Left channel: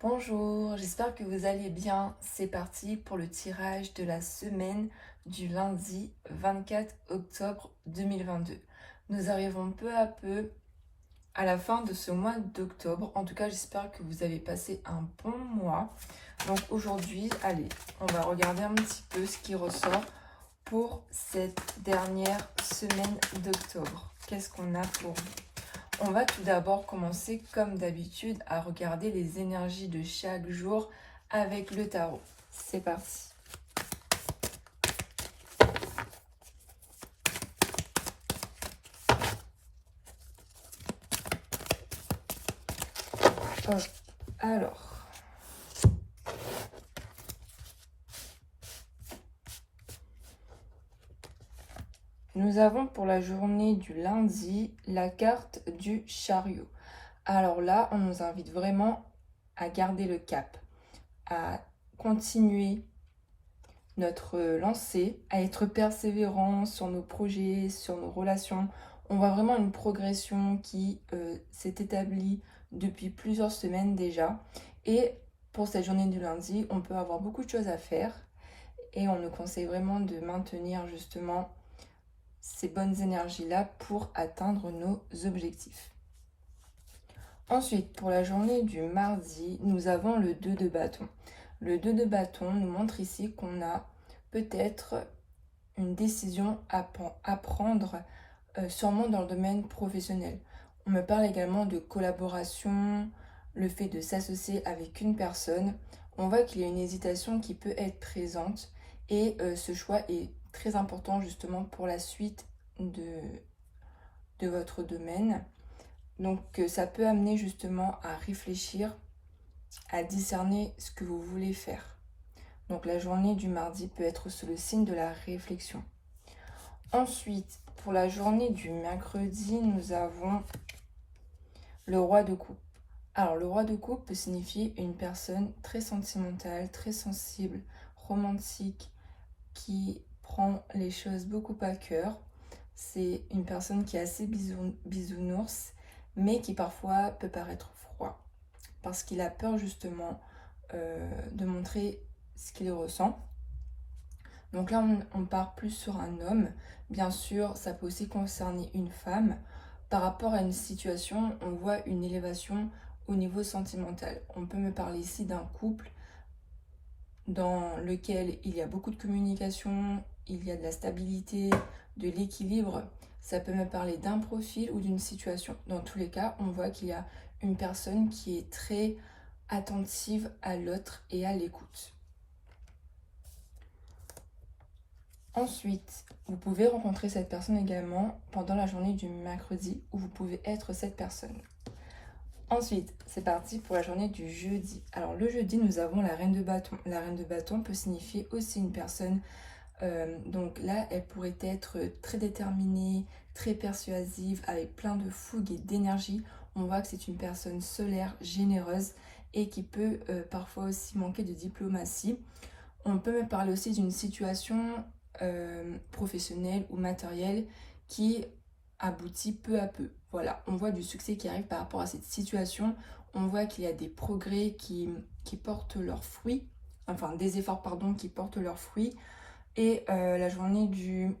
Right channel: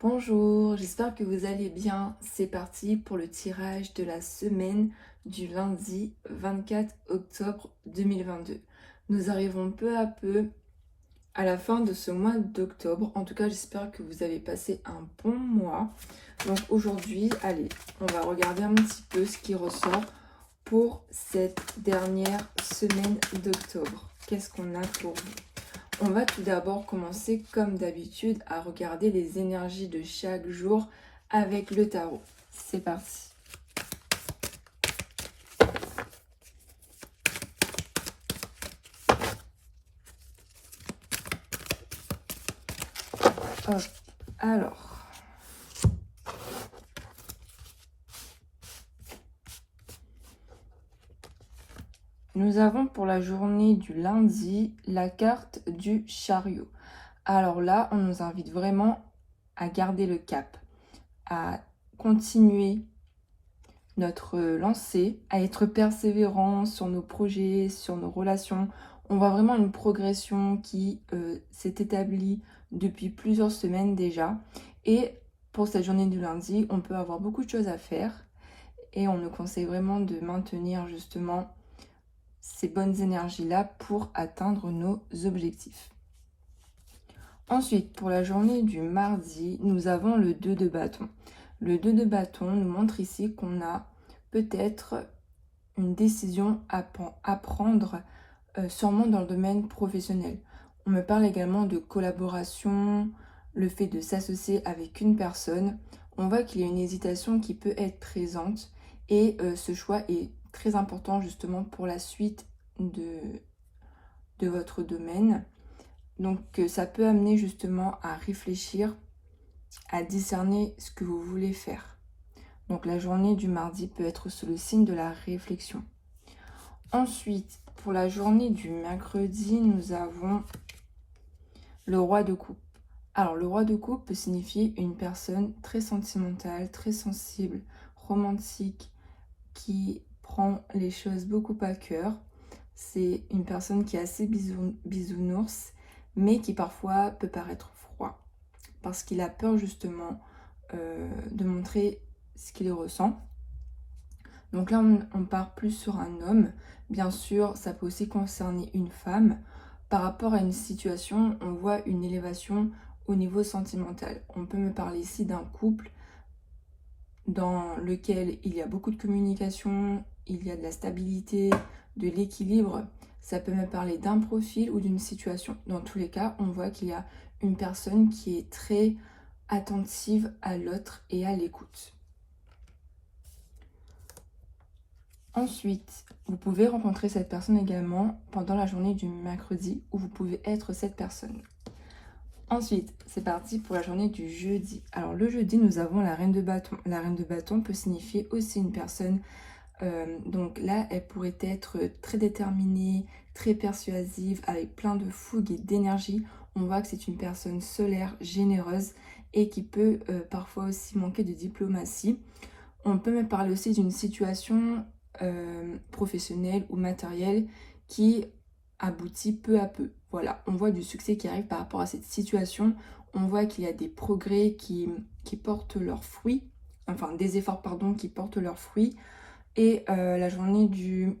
Bonjour, j'espère que vous allez bien. C'est parti pour le tirage de la semaine du lundi 24 octobre 2022. Nous arrivons peu à peu à la fin de ce mois d'octobre. En tout cas, j'espère que vous avez passé un bon mois. Donc aujourd'hui, allez, on va regarder un petit peu ce qui ressort pour cette dernière semaine d'octobre. Qu'est-ce qu'on a pour vous? On va tout d'abord commencer comme d'habitude à regarder les énergies de chaque jour avec le tarot. C'est parti. Hop. Alors, nous avons pour la journée du lundi la carte du chariot. Alors là, on nous invite vraiment à garder le cap, à continuer notre lancée, à être persévérant sur nos projets, sur nos relations. On voit vraiment une progression qui s'est établie depuis plusieurs semaines déjà. Et pour cette journée du lundi, on peut avoir beaucoup de choses à faire. Et on nous conseille vraiment de maintenir justement ces bonnes énergies-là pour atteindre nos objectifs. Ensuite, pour la journée du mardi, nous avons le 2 de bâton. Le 2 de bâton nous montre ici qu'on a peut-être une décision à prendre sûrement dans le domaine professionnel. On me parle également de collaboration, le fait de s'associer avec une personne. On voit qu'il y a une hésitation qui peut être présente et ce choix est très important justement pour la suite de votre domaine. Donc ça peut amener justement à réfléchir, à discerner ce que vous voulez faire. Donc la journée du mardi peut être sous le signe de la réflexion. Ensuite, pour la journée du mercredi, nous avons le roi de coupe. Alors le roi de coupe peut signifier une personne très sentimentale, très sensible, romantique, qui prend les choses beaucoup à cœur. C'est une personne qui est assez bisounours, mais qui parfois peut paraître froid, parce qu'il a peur justement de montrer ce qu'il ressent. Donc là, on part plus sur un homme. Bien sûr, ça peut aussi concerner une femme. Par rapport à une situation, on voit une élévation au niveau sentimental. On peut me parler ici d'un couple dans lequel il y a beaucoup de communication, il y a de la stabilité, de l'équilibre. Ça peut me parler d'un profil ou d'une situation. Dans tous les cas, on voit qu'il y a une personne qui est très attentive à l'autre et à l'écoute. Ensuite, vous pouvez rencontrer cette personne également pendant la journée du mercredi où vous pouvez être cette personne. Ensuite, c'est parti pour la journée du jeudi. Alors le jeudi, nous avons la reine de bâton. La reine de bâton peut signifier aussi une personne, donc là, elle pourrait être très déterminée, très persuasive, avec plein de fougue et d'énergie. On voit que c'est une personne solaire, généreuse et qui peut parfois aussi manquer de diplomatie. On peut me parler aussi d'une situation professionnelle ou matérielle qui aboutit peu à peu. Voilà, on voit du succès qui arrive par rapport à cette situation. On voit qu'il y a des progrès qui portent leurs fruits, enfin des efforts, pardon, qui portent leurs fruits. Et la journée du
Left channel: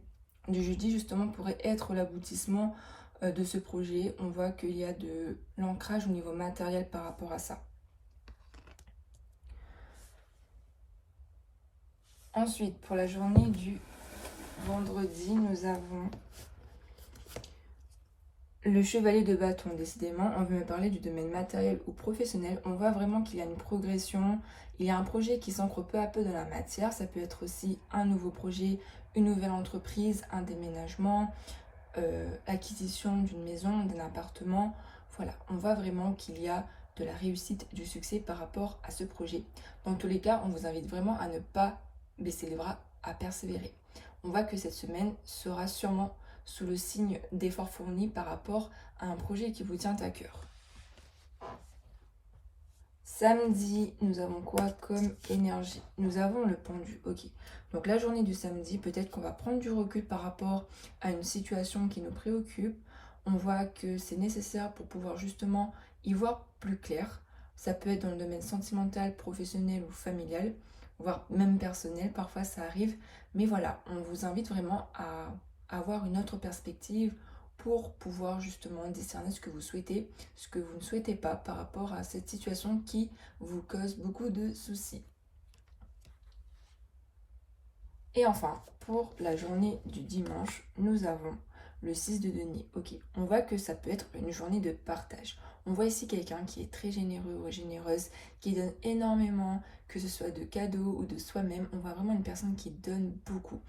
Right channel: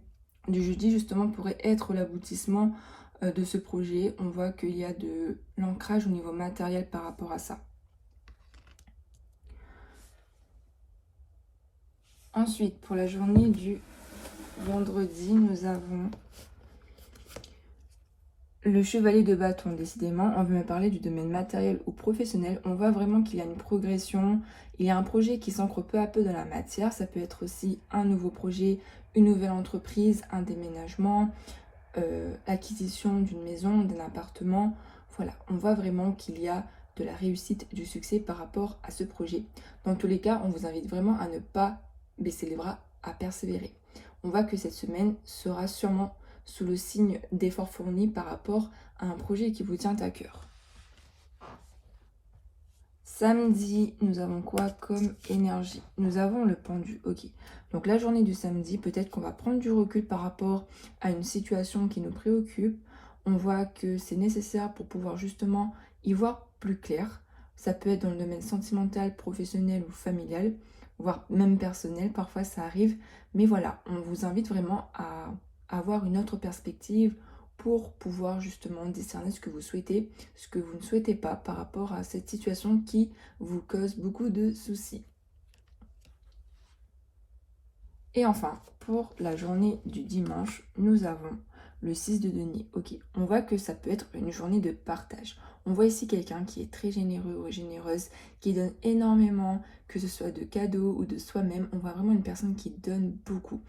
jeudi, justement, pourrait être l'aboutissement de ce projet. On voit qu'il y a de l'ancrage au niveau matériel par rapport à ça. Ensuite, pour la journée du vendredi, nous avons le chevalier de bâton. Décidément, on veut me parler du domaine matériel ou professionnel. On voit vraiment qu'il y a une progression. Il y a un projet qui s'ancre peu à peu dans la matière. Ça peut être aussi un nouveau projet, une nouvelle entreprise, un déménagement, l'acquisition d'une maison, d'un appartement. Voilà, on voit vraiment qu'il y a de la réussite, du succès par rapport à ce projet. Dans tous les cas, on vous invite vraiment à ne pas baisser les bras, à persévérer. On voit que cette semaine sera sûrement sous le signe d'efforts fournis par rapport à un projet qui vous tient à cœur. Samedi, nous avons quoi comme énergie? Nous avons le pendu, ok. Donc la journée du samedi, peut-être qu'on va prendre du recul par rapport à une situation qui nous préoccupe. On voit que c'est nécessaire pour pouvoir justement y voir plus clair. Ça peut être dans le domaine sentimental, professionnel ou familial, voire même personnel, parfois ça arrive. Mais voilà, on vous invite vraiment à avoir une autre perspective pour pouvoir justement discerner ce que vous souhaitez, ce que vous ne souhaitez pas par rapport à cette situation qui vous cause beaucoup de soucis. Et enfin, pour la journée du dimanche, nous avons le 6 de denier. Ok, on voit que ça peut être une journée de partage. On voit ici quelqu'un qui est très généreux ou généreuse, qui donne énormément, que ce soit de cadeaux ou de soi-même. On voit vraiment une personne qui donne beaucoup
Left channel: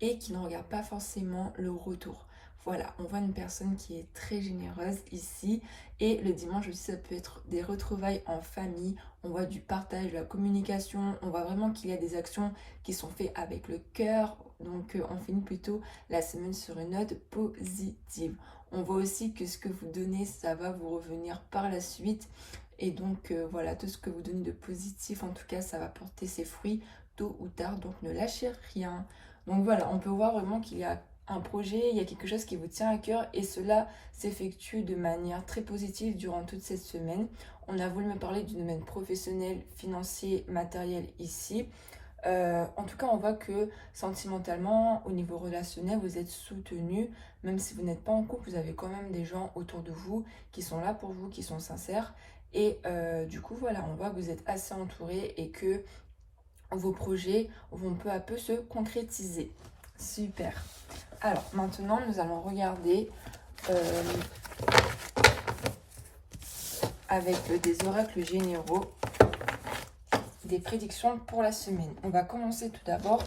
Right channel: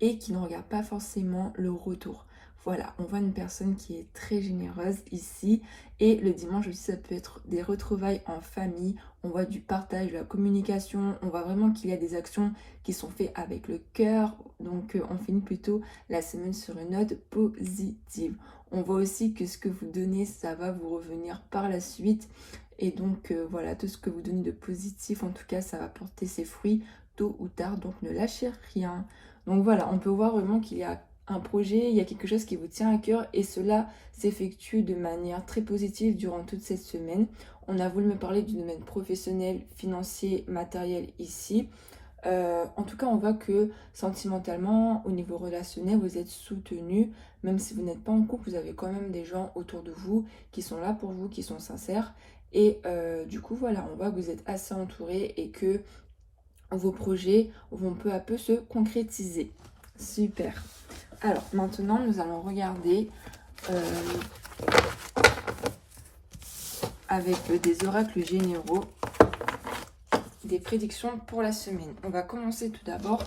et qui ne regarde pas forcément le retour. Voilà, on voit une personne qui est très généreuse ici. Et le dimanche aussi, ça peut être des retrouvailles en famille. On voit du partage, de la communication. On voit vraiment qu'il y a des actions qui sont faits avec le cœur. Donc, on finit plutôt la semaine sur une note positive. On voit aussi que ce que vous donnez, ça va vous revenir par la suite. Et donc, voilà, tout ce que vous donnez de positif, en tout cas, ça va porter ses fruits tôt ou tard. Donc, ne lâchez rien. Donc, voilà, on peut voir vraiment qu'il y a un projet, il y a quelque chose qui vous tient à cœur et cela s'effectue de manière très positive durant toute cette semaine. On a voulu me parler du domaine professionnel, financier, matériel ici. En tout cas, on voit que sentimentalement, au niveau relationnel, vous êtes soutenu. Même si vous n'êtes pas en couple, vous avez quand même des gens autour de vous qui sont là pour vous, qui sont sincères. Et du coup, voilà, on voit que vous êtes assez entouré et que vos projets vont peu à peu se concrétiser. Super. Alors, maintenant, nous allons regarder avec des oracles généraux des prédictions pour la semaine. On va commencer tout d'abord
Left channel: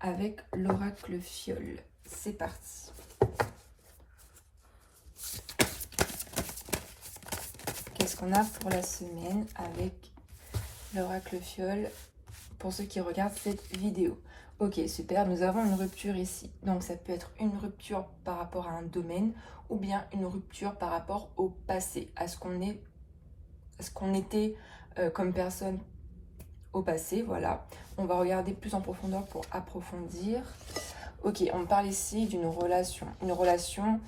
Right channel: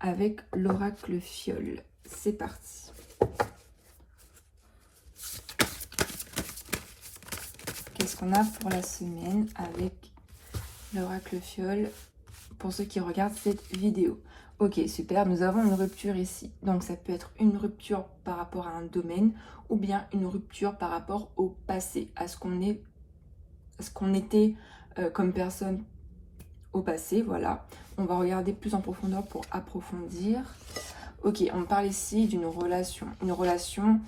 avec l'oracle fiole. C'est parti. Qu'est-ce qu'on a pour la semaine avec l'oracle fiole pour ceux qui regardent cette vidéo? Ok, super, nous avons une rupture ici. Donc ça peut être une rupture par rapport à un domaine ou bien une rupture par rapport au passé, à ce qu'on était comme personne au passé, voilà. On va regarder plus en profondeur pour approfondir. Ok, on parle ici d'une relation. Une relation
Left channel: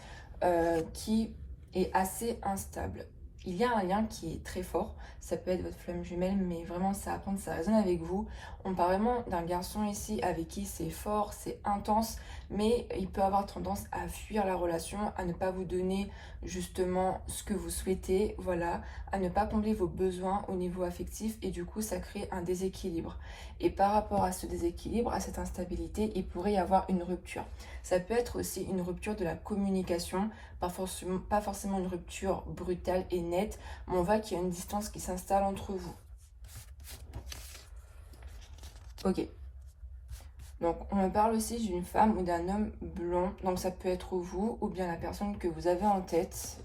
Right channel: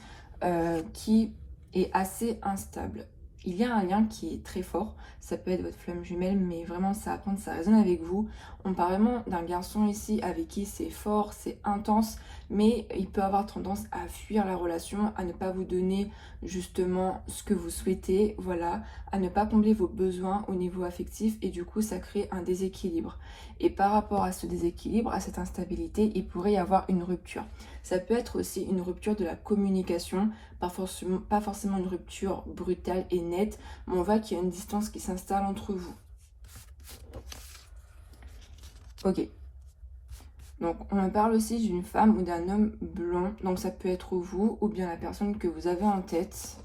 qui est assez instable. Il y a un lien qui est très fort. Ça peut être votre flamme jumelle, mais vraiment ça raconte, ça résonne avec vous. On parle vraiment d'un garçon ici avec qui c'est fort, c'est intense, mais il peut avoir tendance à fuir la relation, à ne pas vous donner justement ce que vous souhaitez, voilà, à ne pas combler vos besoins au niveau affectif et du coup ça crée un déséquilibre. Et par rapport à ce déséquilibre, à cette instabilité, il pourrait y avoir une rupture. Ça peut être aussi une rupture de la communication, pas forcément une rupture brutale et nette, mais on voit qu'il y a une distance qui s'installe entre vous. Ok. Donc, on me parle aussi d'une femme ou d'un homme blond. Donc, ça peut être vous ou bien la personne que vous avez en tête.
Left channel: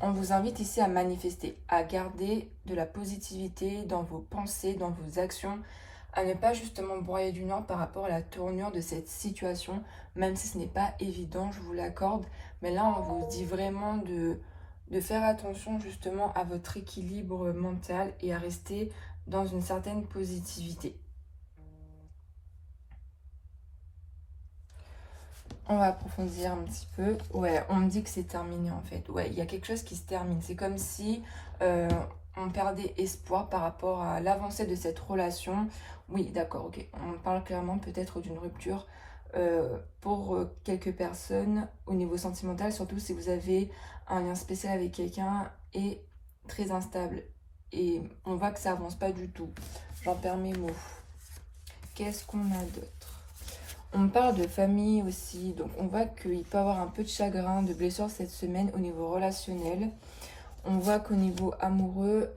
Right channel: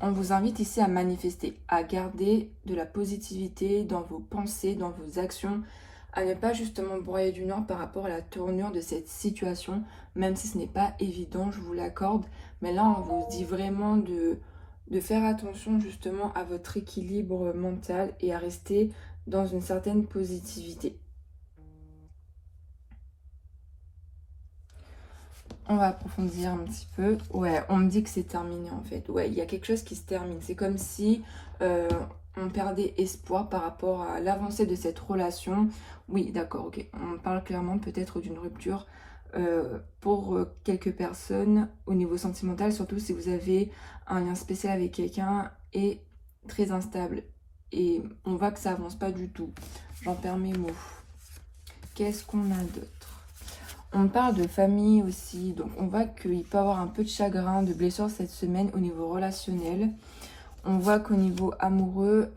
On vous invite ici à manifester, à garder de la positivité dans vos pensées, dans vos actions, à ne pas justement broyer du noir par rapport à la tournure de cette situation, même si ce n'est pas évident, je vous l'accorde. Mais là, on vous dit vraiment de faire attention justement à votre équilibre mental et à rester dans une certaine positivité. On va approfondir un petit peu. Ouais, on me dit que c'est terminé en fait. Ouais, il y a quelque chose qui se termine. C'est comme si on perdait espoir par rapport à l'avancée de cette relation. Oui, d'accord, ok. On parle clairement peut-être d'une rupture pour quelques personnes au niveau sentimental, surtout si vous avez un lien spécial avec quelqu'un et très instable. Et on voit que ça avance pas du tout. J'en perds mes mots. Qu'est-ce qu'on a d'autre? On parle de famille aussi, donc on voit qu'il peut y avoir un peu de chagrin, de blessure cette semaine au niveau relationnel. On voit qu'au niveau amoureux,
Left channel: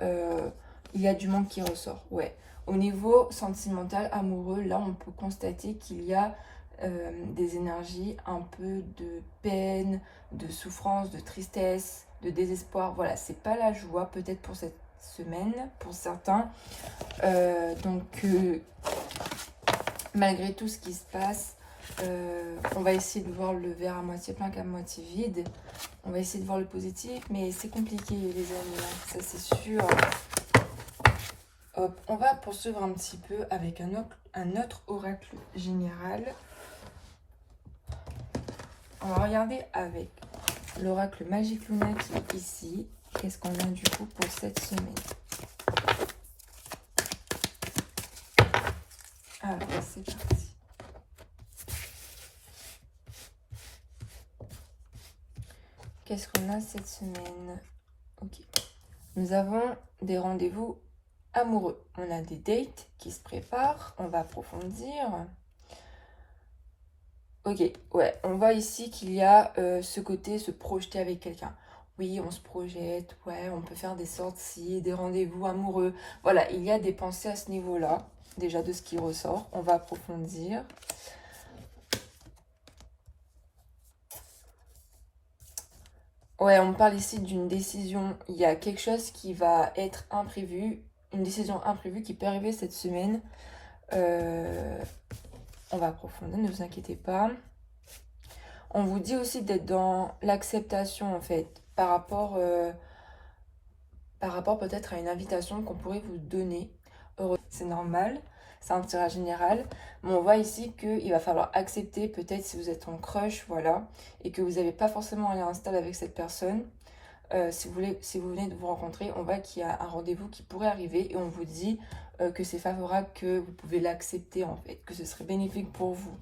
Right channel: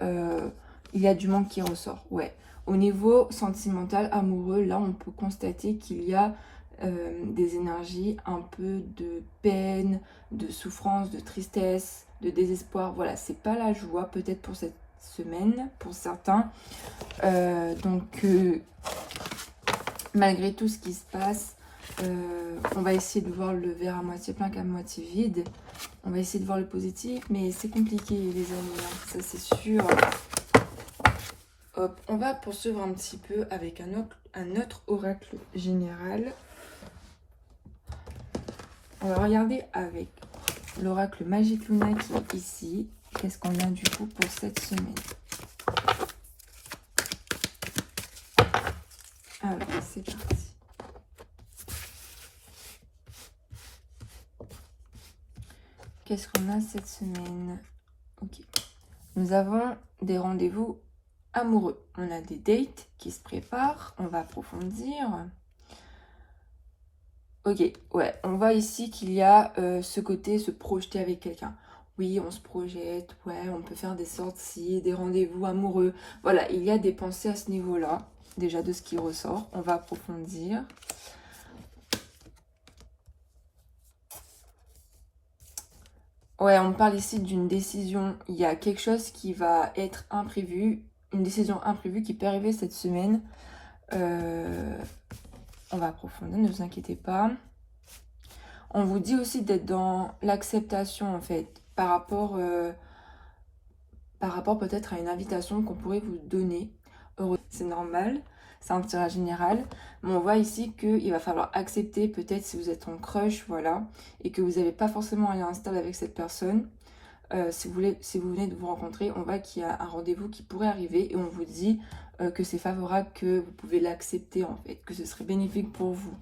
il y a du manque qui ressort. Ouais. Au niveau sentimental, amoureux, là on peut constater qu'il y a des énergies, un peu de peine, de souffrance, de tristesse, de désespoir. Voilà, c'est pas la joie peut-être pour cette semaine, pour certains. Malgré tout ce qui se passe, on va essayer de voir le verre à moitié plein qu'à moitié vide. On va essayer de voir le positif, mais c'est compliqué les amis, ça c'est sûr. Hop, on va poursuivre un petit peu avec un autre oracle général. On va regarder avec l'oracle Magique Luna qui est ici. qu'est-ce qu'on a du coup pour cette semaine? Alors, c'est parti. Qu'est-ce qu'on a cette semaine? Ok. Nous avons des rendez-vous amoureux. On a des dates qui se préparent. On va approfondir. Ok, ouais. On voit ici qu'il y a ce côté se projeter avec quelqu'un. Oui, on se projette. Ouais, on peut faire des sorties, des rendez-vous amoureux. Voilà, il y a des pensées à ce niveau-là. Déjà de ce qui ressort. On va approfondir. Ouais, on parle ici d'une décision. Il y a quelque chose qui va être imprévu. Une décision imprévue qui peut arriver cette semaine. On va approfondir, ne vous inquiétez pas. On vous dit aussi d'être dans l'acceptation, en fait, par rapport peut-être à une invitation qu'on pourrait vous donner. C'est normal, c'est un tirage général. Mais on voit ici qu'il va falloir accepter, peut-être si vous êtes en crush, voilà, et que vous n'avez pas forcément un lien stable avec cette personne. Si vous venez de vous rencontrer, on voit qu'il y a un rendez-vous qui pourrait arriver et on vous dit que c'est favorable, que vous pouvez l'accepter en fait, que ce serait bénéfique pour vous.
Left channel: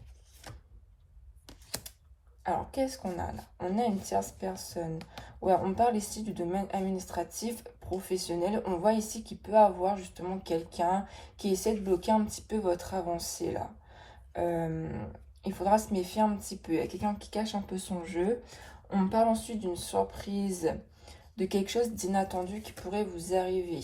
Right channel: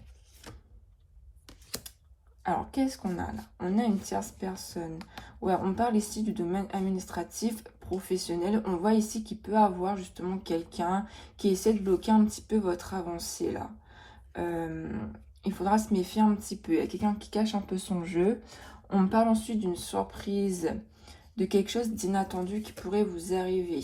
Alors, qu'est-ce qu'on a là? On a une tierce personne. Ouais, on parle ici du domaine administratif, professionnel. On voit ici qu'il peut avoir justement quelqu'un qui essaie de bloquer un petit peu votre avancée là. Il faudra se méfier un petit peu. Il y a quelqu'un qui cache un peu son jeu. On parle ensuite d'une surprise, de quelque chose d'inattendu qui pourrait vous arriver.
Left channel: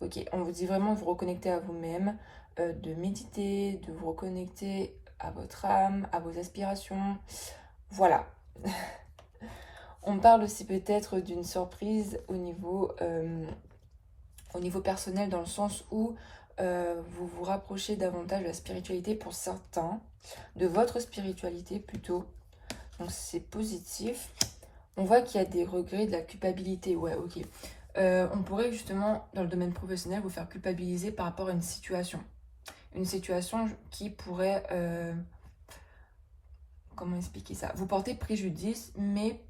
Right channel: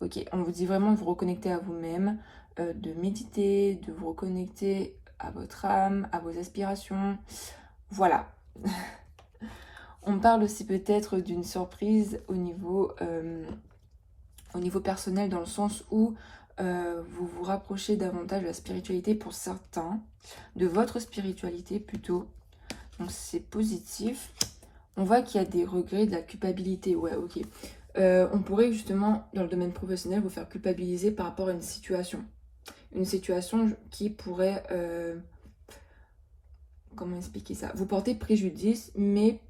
Ok, on vous dit vraiment de vous reconnecter à vous-même, de méditer, de vous reconnecter à votre âme, à vos aspirations. Voilà. On parle aussi peut-être d'une surprise au niveau personnel, dans le sens où vous vous rapprochez davantage de la spiritualité pour certains, de votre spiritualité plutôt. Donc c'est positif. On voit qu'il y a des regrets, de la culpabilité. Ouais, ok. On pourrait justement, dans le domaine professionnel, vous faire culpabiliser par rapport à une situation. Une situation qui pourrait... comment expliquer ça? Vous portez préjudice, mais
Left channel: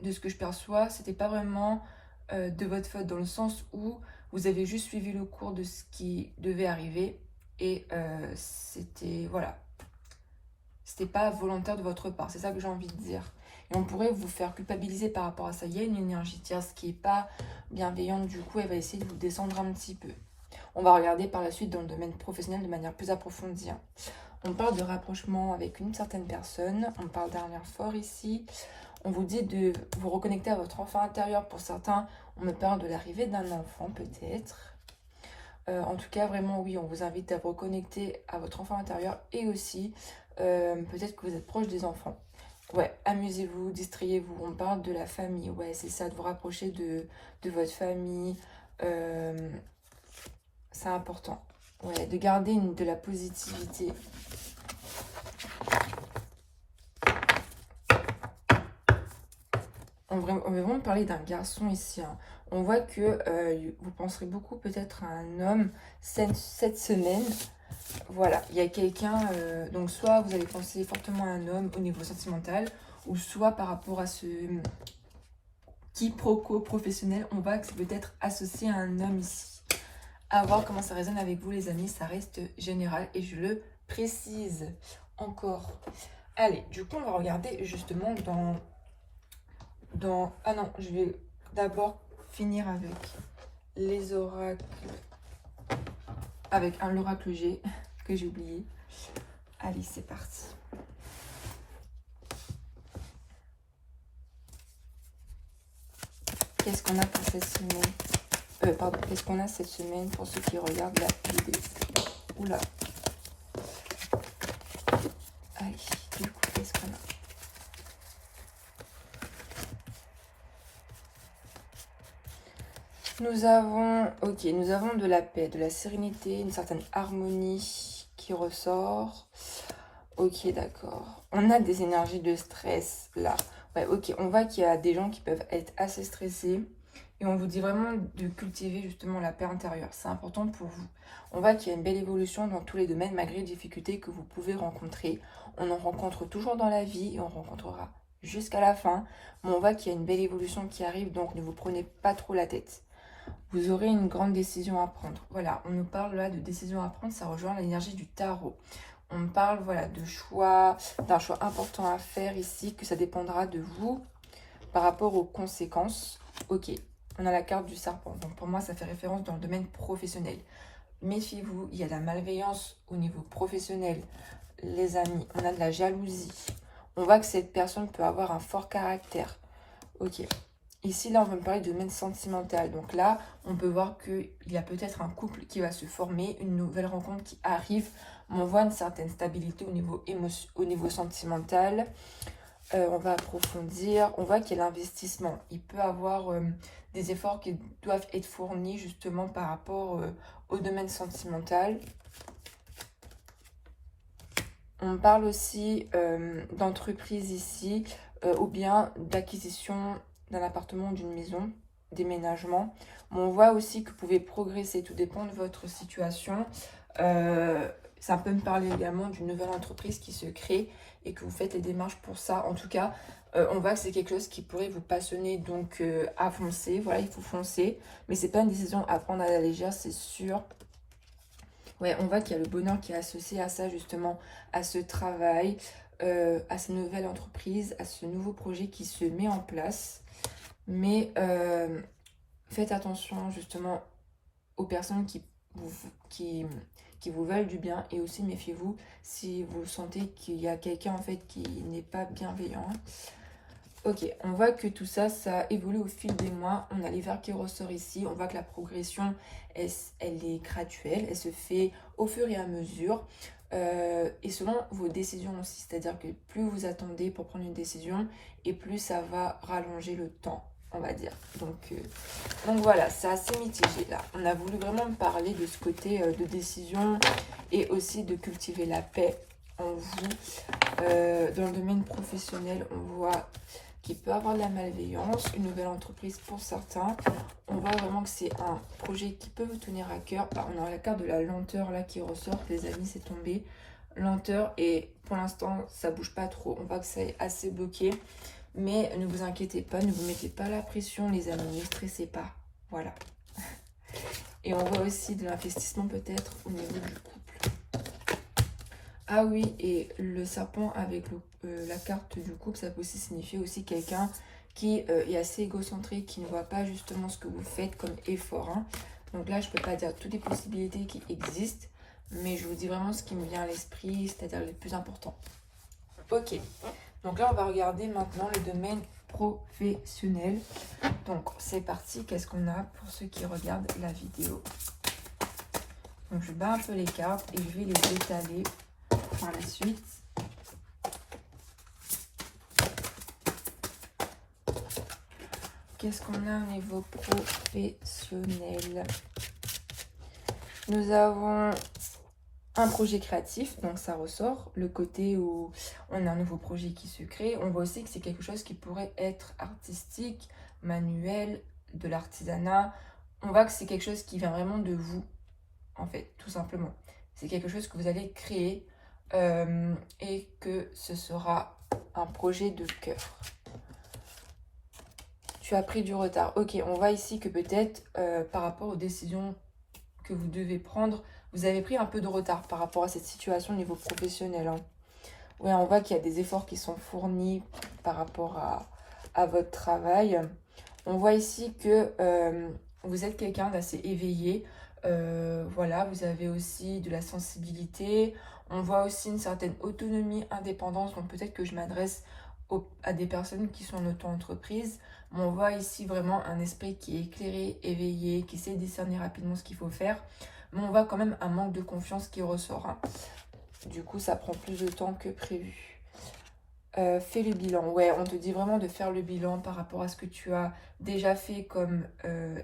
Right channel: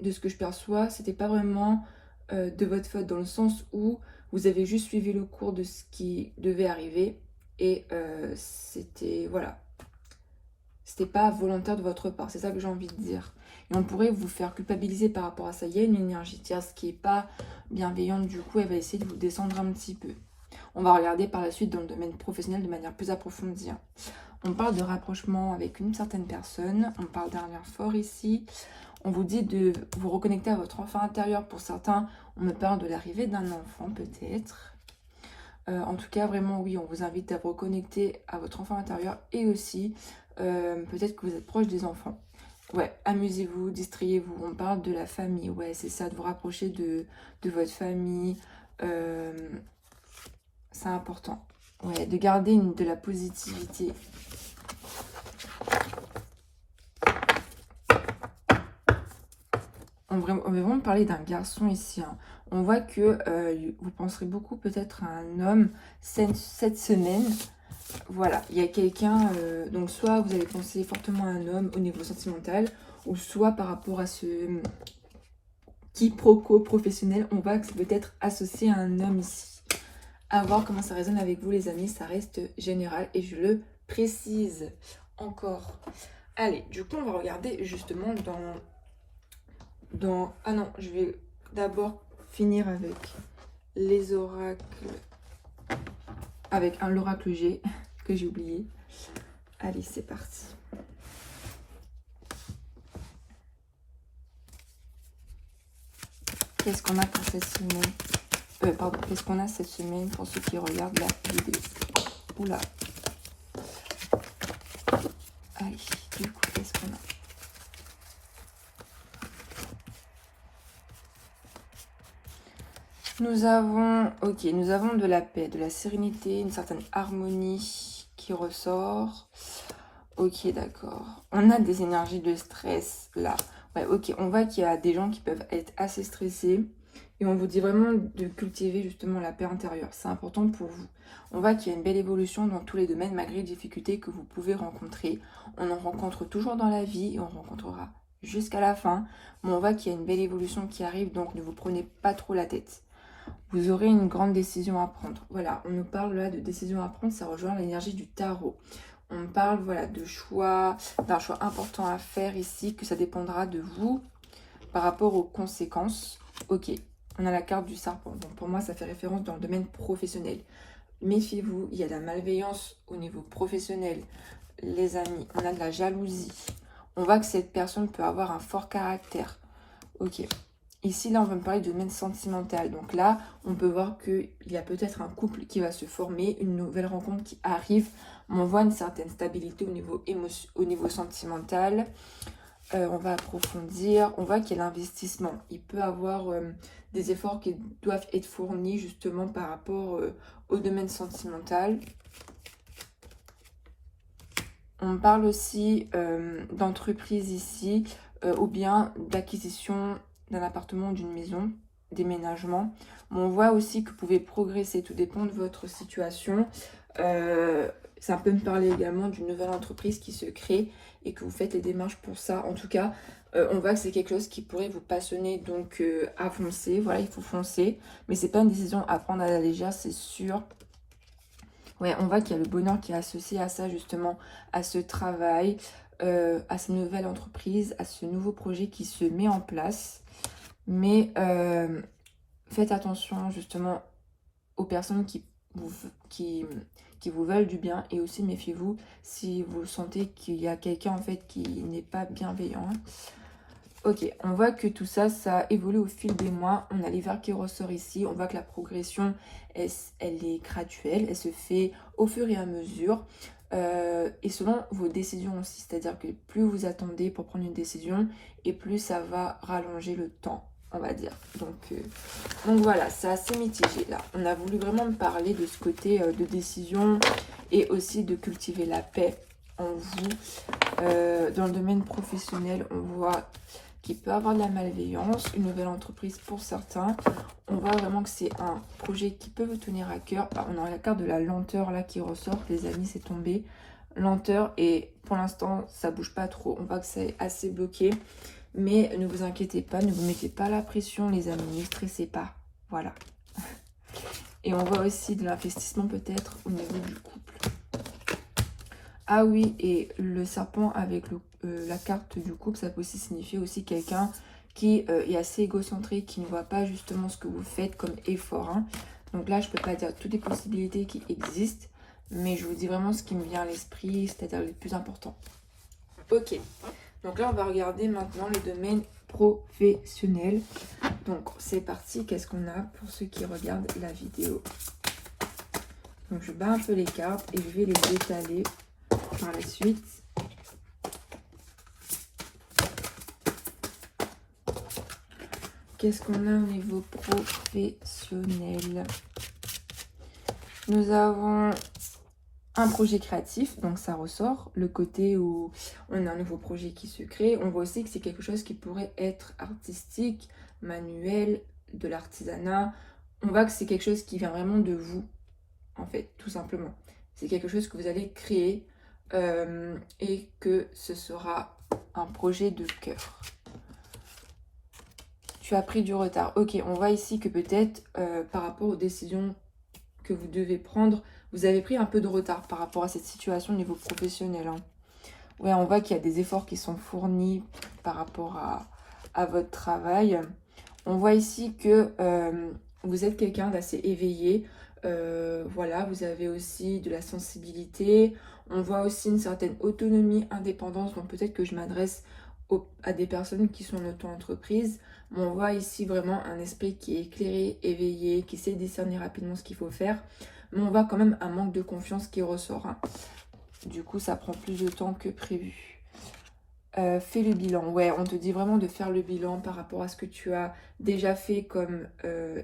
de ce que je perçois, c'était pas vraiment de votre faute, dans le sens où vous avez juste suivi le cours de ce qui devait arriver et c'était... Voilà. C'était pas volontaire de votre part, c'est ça que j'ai envie de dire. Et on pourrait vous faire culpabiliser par rapport à ça. Il y a une énergie tierce qui n'est pas bienveillante, du coup, elle va essayer de vous descendre un petit peu. On va regarder par la suite dans le domaine professionnel de manière plus approfondie. On parle de rapprochement avec une certaine personne, on parle d'un lien fort ici. On vous dit de vous reconnecter à votre enfant intérieur. Pour certains, on me parle de l'arrivée d'un enfant peut-être. En tout cas, vraiment, oui, on vous invite à vous reconnecter à votre enfant intérieur et aussi... peut-être que vous êtes proche des enfants. Ouais, amusez-vous, distrayez-vous. On parle de la famille. Ouais, c'est ça, de vous rapprocher de votre famille. C'est important. Ouais, de garder de la positivité. On va vraiment parler d'un garçon ici. Hein. On voit que vous penserez beaucoup peut-être à un homme cette semaine. Voilà, il y a quelqu'un, donc soit vous allez penser fortement à un homme au niveau sentimental, ou soit par rapport à ce quiproquo professionnel, on voit que c'est peut-être associé à un homme ici. À voir comment ça résonne avec vous les amis, ça reste général et je le précise encore. Allez, du coup on va regarder justement dans... Ah non, je vais d'abord finir avec les oracles, avec l'oracle G que j'ai oublié. Allez, c'est parti. Qu'est-ce qu'on a pour cette semaine? Pardon, qu'est-ce qu'on a cette semaine pour ceux qui regardent la vidéo? Oula. Allez, du coup, qu'est-ce qu'on a? Nous avons de la paix, de la sérénité, une certaine harmonie qui ressort. Ok, d'accord. On a des énergies de stress là. Ouais, ok, on voit qu'il y a des gens qui peuvent être assez stressés. Et on vous dit vraiment de cultiver justement la paix intérieure. C'est important pour vous. On voit qu'il y a une belle évolution dans tous les domaines malgré les difficultés que vous pouvez rencontrer. On en rencontre toujours dans la vie et on rencontrera jusqu'à la fin. Mais on voit qu'il y a une belle évolution qui arrive, donc ne vous prenez pas trop la tête. Vous aurez une grande décision à prendre. Voilà, on nous parle là de décision à prendre, ça rejoint l'énergie du tarot. On parle voilà de choix, d'un choix important à faire ici, que ça dépendra de vous par rapport aux conséquences. Ok, on a la carte du serpent. Donc pour moi, ça fait référence dans le domaine professionnel. Méfiez-vous, il y a de la malveillance au niveau professionnel. Les amis, on a de la jalousie. On voit que cette personne peut avoir un fort caractère. Ok. Ici, là, on va me parler de domaine sentimental. Donc là, on peut voir qu'il y a peut-être un couple qui va se former, une nouvelle rencontre qui arrive. On voit une certaine stabilité au niveau sentimental. On va approfondir. On voit qu'il y a l'investissement. Il peut avoir des efforts qui doivent être fournis justement par rapport au domaine sentimental. On parle aussi d'entreprise ici ou bien d'acquisition d'un appartement ou d'une maison, déménagement. Mais on voit aussi que vous pouvez progresser, tout dépend de votre situation. Ça peut me parler également d'une nouvelle entreprise qui se crée et que vous faites les démarches pour ça. En tout cas, on voit que c'est quelque chose qui pourrait vous passionner, donc à foncer. Voilà, il faut foncer. Mais c'est pas une décision à prendre à la légère, c'est sûr. Ouais, on voit qu'il y a le bonheur qui est associé à ça, justement, à ce travail, à cette nouvelle entreprise, à ce nouveau projet qui se met en place. Mais faites attention justement aux personnes qui vous veulent du bien, et aussi méfiez-vous si vous sentez qu'il y a quelqu'un en fait qui n'est pas bienveillant. Ok, on voit que tout ça, ça évolue au fil des mois. On a l'hiver qui ressort ici. On voit que la progression, elle est graduelle. Elle se fait au fur et à mesure. Et selon vos décisions aussi. C'est-à-dire que plus vous attendez pour prendre une décision, et plus ça va rallonger le temps, on va dire. Donc voilà, c'est assez mitigé là. On a voulu vraiment me parler de ce côté de décision et aussi de cultiver la paix en vous. Dans le domaine professionnel, on voit qu'il peut avoir de la malveillance, une nouvelle entreprise pour certains. On voit vraiment que c'est un projet qui peut vous tenir à cœur. On a la carte de la lenteur là qui ressort, les amis, c'est tombé. Lenteur, et pour l'instant, ça bouge pas trop. On voit que c'est assez bloqué. Mais ne vous inquiétez pas, ne vous mettez pas la pression, les amis, ne stressez pas. Voilà. Et on voit aussi de l'investissement peut-être au niveau du couple. Ah oui, et le serpent avec la carte du couple, ça peut aussi signifier aussi quelqu'un qui est assez égocentrique, qui ne voit pas justement ce que vous faites comme effort. Hein. Donc là, je ne peux pas dire toutes les possibilités qui existent, mais je vous dis vraiment ce qui me vient à l'esprit, c'est-à-dire les plus importants. Ok, donc là, on va regarder maintenant le domaine professionnel. Donc, c'est parti. Qu'est-ce qu'on a pour ceux qui regardent la vidéo? Donc, je bats un peu les cartes et je vais les étaler par la suite. Qu'est-ce qu'on a au niveau professionnel? Nous avons un projet créatif, donc ça ressort, le côté où on a un nouveau projet qui se crée. On voit aussi que c'est quelque chose qui pourrait être artistique, manuel, de l'artisanat. On voit que c'est quelque chose qui vient vraiment de vous, en fait, tout simplement. C'est quelque chose que vous allez créer et que ce sera un projet de cœur. Tu as pris du retard. Ok, on voit ici que peut-être par rapport aux décisions que vous devez prendre, vous avez pris un peu de retard par rapport à cette situation au niveau professionnel. Hein. Ouais, on voit qu'il y a des efforts qui sont fournis par rapport à votre travail. On voit ici que vous êtes quelqu'un d'assez éveillé. Voilà, vous avez aussi de la sensibilité. On voit aussi une certaine autonomie, indépendance. Donc peut-être que je m'adresse à des personnes qui sont en auto-entreprise. Mais on voit ici vraiment un esprit qui est éclairé, éveillé, qui sait discerner rapidement ce qu'il faut faire. Mais on voit quand même un manque de confiance qui ressort. Hein. Du coup, ça prend plus de temps que prévu. Fais le bilan. Ouais, on te dit vraiment de faire le bilan par rapport à ce que tu as déjà fait comme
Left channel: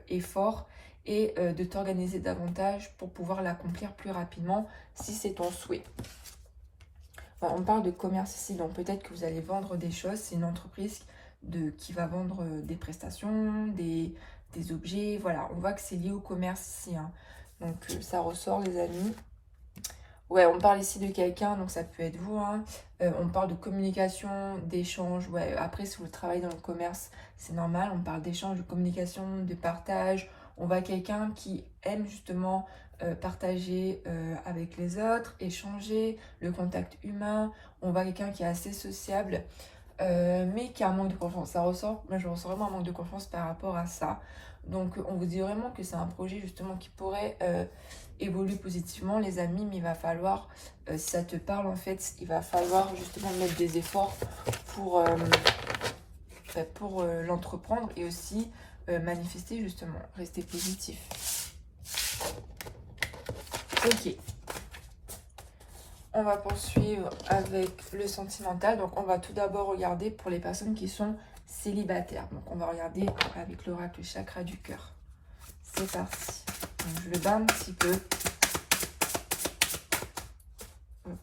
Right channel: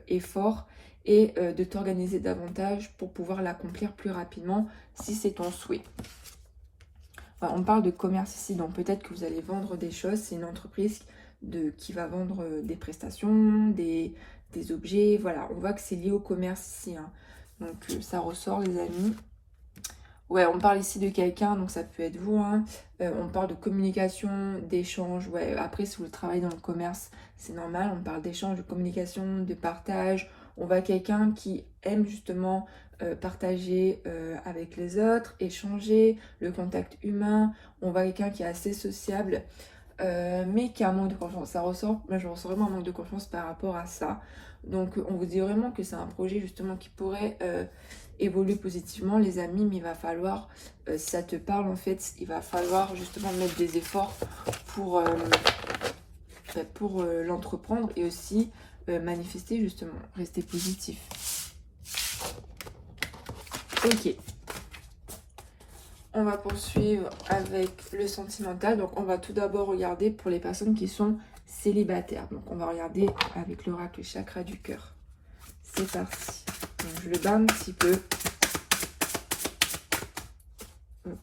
effort et de t'organiser davantage pour pouvoir l'accomplir plus rapidement si c'est ton souhait. Ouais, on parle de commerce ici, donc peut-être que vous allez vendre des choses. C'est une entreprise qui va vendre des prestations, des objets. Voilà, on voit que c'est lié au commerce ici. Hein. Donc ça ressort les amis. Ouais, on parle ici de quelqu'un, donc ça peut être vous, hein. On parle de communication, d'échange. Ouais, après, si vous travaillez dans le commerce, c'est normal. On parle d'échange, de communication, de partage. On voit quelqu'un qui aime justement partager avec les autres, échanger, le contact humain. On voit quelqu'un qui est assez sociable, mais qui a un manque de confiance. Ça ressort, moi je ressens vraiment un manque de confiance par rapport à ça. Donc on vous dit vraiment que c'est un projet justement qui pourrait évoluer positivement, les amis, mais il va falloir, si ça te parle en fait, il va falloir justement mettre des efforts pour, l'entreprendre et aussi manifester justement, rester positif. Ok. On va poursuivre avec le sentimental. Donc, on va tout d'abord regarder pour les personnes qui sont célibataires. Donc, on va regarder avec l'oracle chakra du cœur. C'est parti. Donc, je le bats un petit peu. Hop.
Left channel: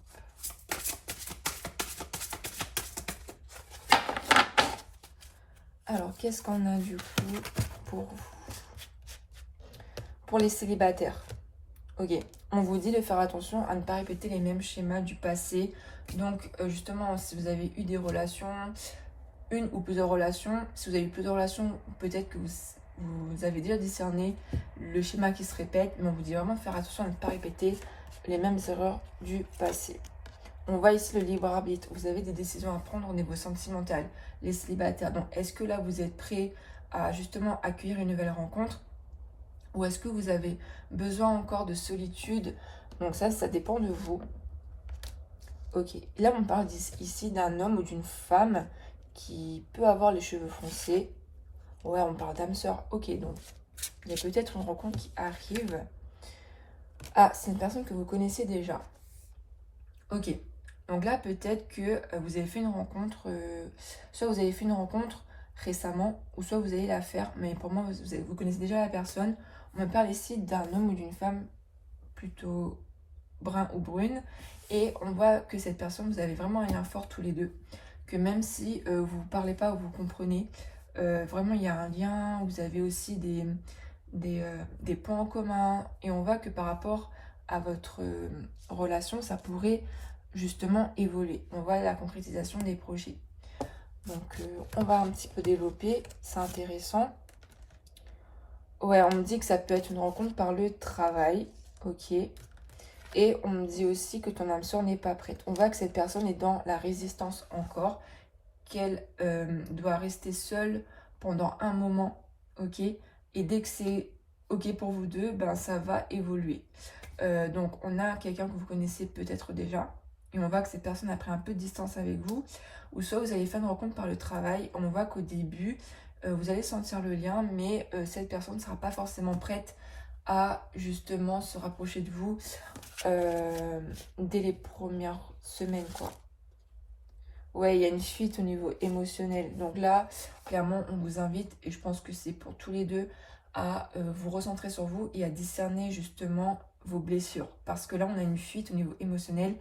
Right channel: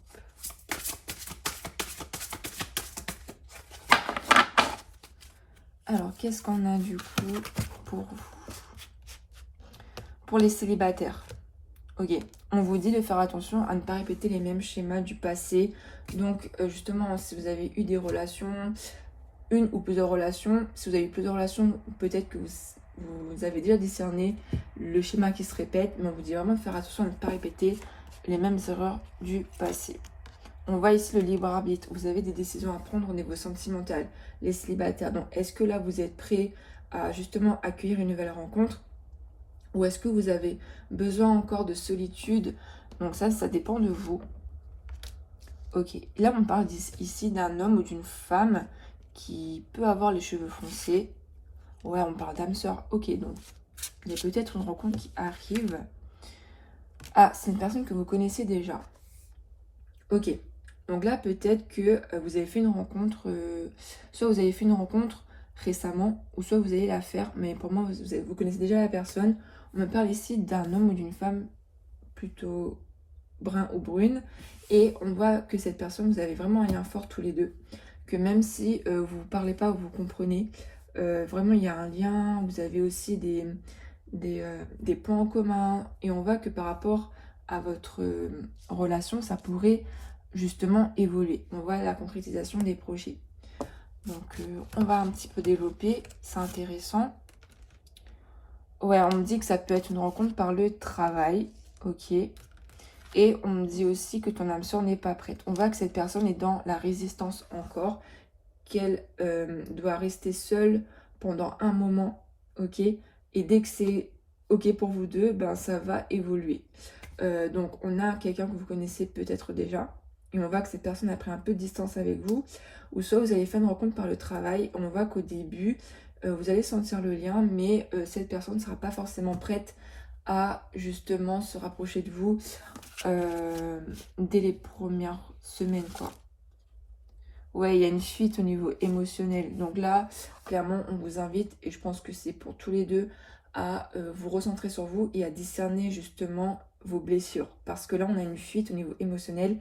Alors, qu'est-ce qu'on a du coup pour vous? Pour les célibataires. Ok, on vous dit de faire attention à ne pas répéter les mêmes schémas du passé. Donc, justement, si vous avez eu des relations, une ou plusieurs relations, si vous avez eu plusieurs relations, peut-être que vous avez déjà discerné le schéma qui se répète, mais on vous dit vraiment de faire attention à ne pas répéter les mêmes erreurs du passé. On voit ici le libre arbitre. Vous avez des décisions à prendre au niveau sentimental, les célibataires. Donc, est-ce que là, vous êtes prêt à justement accueillir une nouvelle rencontre? Ou est-ce que vous avez besoin encore de solitude? Donc ça dépend de vous. Ok, là on parle ici d'un homme ou d'une femme qui peut avoir les cheveux foncés. Ouais, on parle d'âme sœur. Ok, donc il y a peut-être une rencontre qui arrive. Ah, c'est une personne que vous connaissez déjà. Ok, donc là peut-être que vous avez fait une rencontre, soit vous avez fait une rencontre récemment, ou soit vous allez la faire, mais pour moi vous connaissez déjà la personne. On me parle ici d'un homme ou d'une femme plutôt brun ou brune, et on voit que cette personne, vous avez vraiment un lien fort tous les deux, que même si vous ne parlez pas, vous comprenez, vraiment il y a un lien, vous avez aussi des points en commun, et on voit que par rapport à votre relation, ça pourrait justement évoluer. On voit la concrétisation des projets. Donc on va un petit peu développer, c'est intéressant. Ouais, on me dit que ça peut être une rencontre par le travail, ok. Et on me dit aussi que ton âme sœur n'est pas prête. On voit que cette personne est dans la résistance encore, qu'elle doit rester seule pendant un moment, ok. Et dès que c'est ok pour vous deux, ben ça va évoluer. Donc on a quelqu'un que vous connaissez peut-être déjà, et on voit que cette personne a pris un peu de distance avec vous, ou soit vous allez faire une rencontre par le travail. On voit qu'au début, vous allez sentir le lien, mais cette personne ne sera pas forcément prête à justement se rapprocher de vous dès les premières semaines, quoi. Ouais, il y a une fuite au niveau émotionnel. Donc là, clairement, on vous invite, et je pense que c'est pour tous les deux, à vous recentrer sur vous et à discerner justement vos blessures. Parce que là, on a une fuite au niveau émotionnel.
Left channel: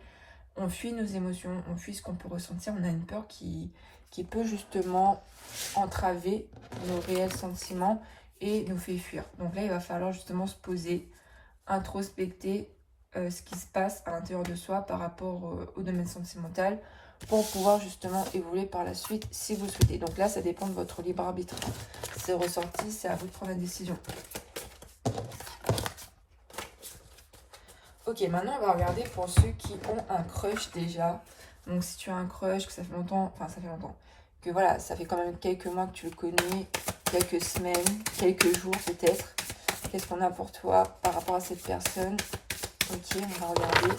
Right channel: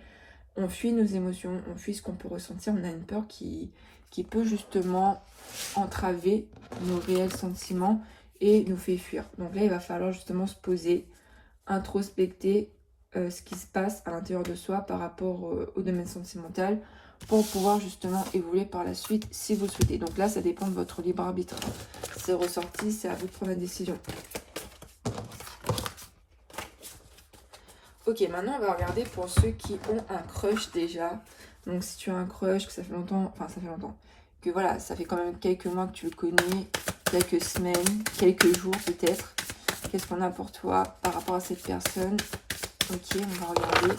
On fuit nos émotions, on fuit ce qu'on peut ressentir. On a une peur qui peut justement entraver nos réels sentiments et nous fait fuir. Donc là, il va falloir justement se poser, introspecter ce qui se passe à l'intérieur de soi par rapport au domaine sentimental, pour pouvoir justement évoluer par la suite si vous le souhaitez. Donc là, ça dépend de votre libre arbitre. C'est ressorti, c'est à vous de prendre la décision. Ok, maintenant on va regarder pour ceux qui ont un crush déjà. Donc si tu as un crush, que ça fait longtemps, que voilà, ça fait quand même quelques mois que tu le connais, quelques semaines, quelques jours peut-être. Qu'est-ce qu'on a pour toi par rapport à cette personne? Ok, on va regarder.